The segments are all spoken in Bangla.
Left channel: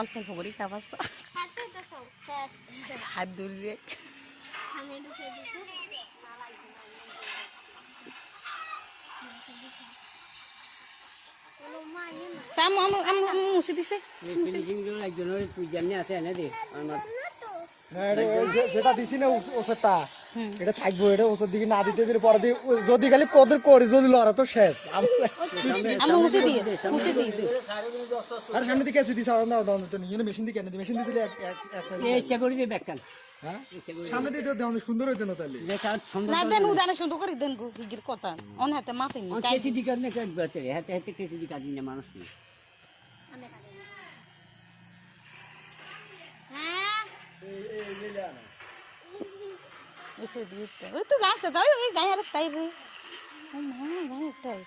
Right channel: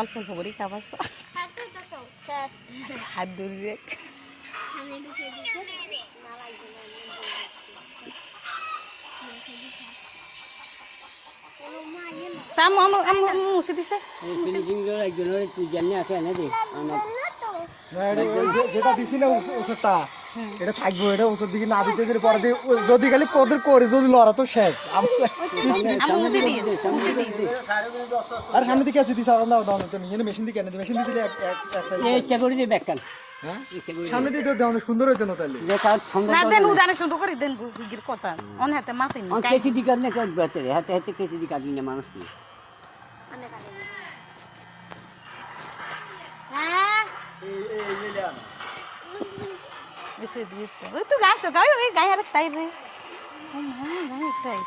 অল্প খবরই খাবার হাত ধরে সামু মুছে দিছে যেটা দিছি না ওষুধটা এটা থাকবো, এটা ওষুধ দিকে না দিতে পরে যদি খালি ওদের করে যদি লড়া তো শেষ। আর সামনে দিকে আছে দিছে মেশিন দিকে এনে মেশিন দিছিলে সামনে দিয়ে দেওয়া সুন্দর হইতো না তাহলে না দেন উদানে শুধু করে দেন গুগির কথা অন হাতে মাথা নি কেসি দিকার না কাজ বাতে হাতে হাতে কেসি দিকার দিনে মানুষ কি হ্যাঁ এসে দিছে ওই তো গাছ তো গায় ওই গায় আর তাই রে না তাই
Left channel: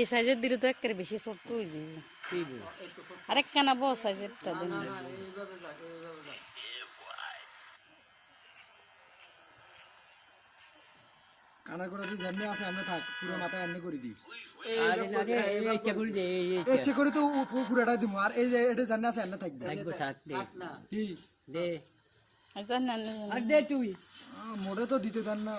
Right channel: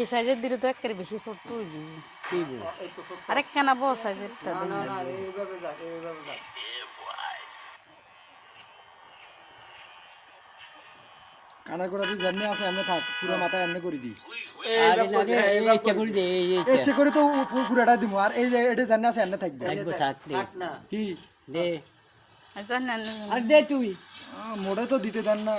এই সাইজের দিলে তো একেবারে বেশি ছোট হয়ে যায় আরেক কেনা বড় সাইজেরটা কানা করে দিয়ে যেমনি আছে এমনি থাক, পুরো মাথায় এমনি করে দিই ইচ্ছে করে তো পুরোটা দিব। আর এই যে এটা যেমনি আছে এমনি থাকবে কি আর দে তুই মোড়ে তো দিতে দেন না।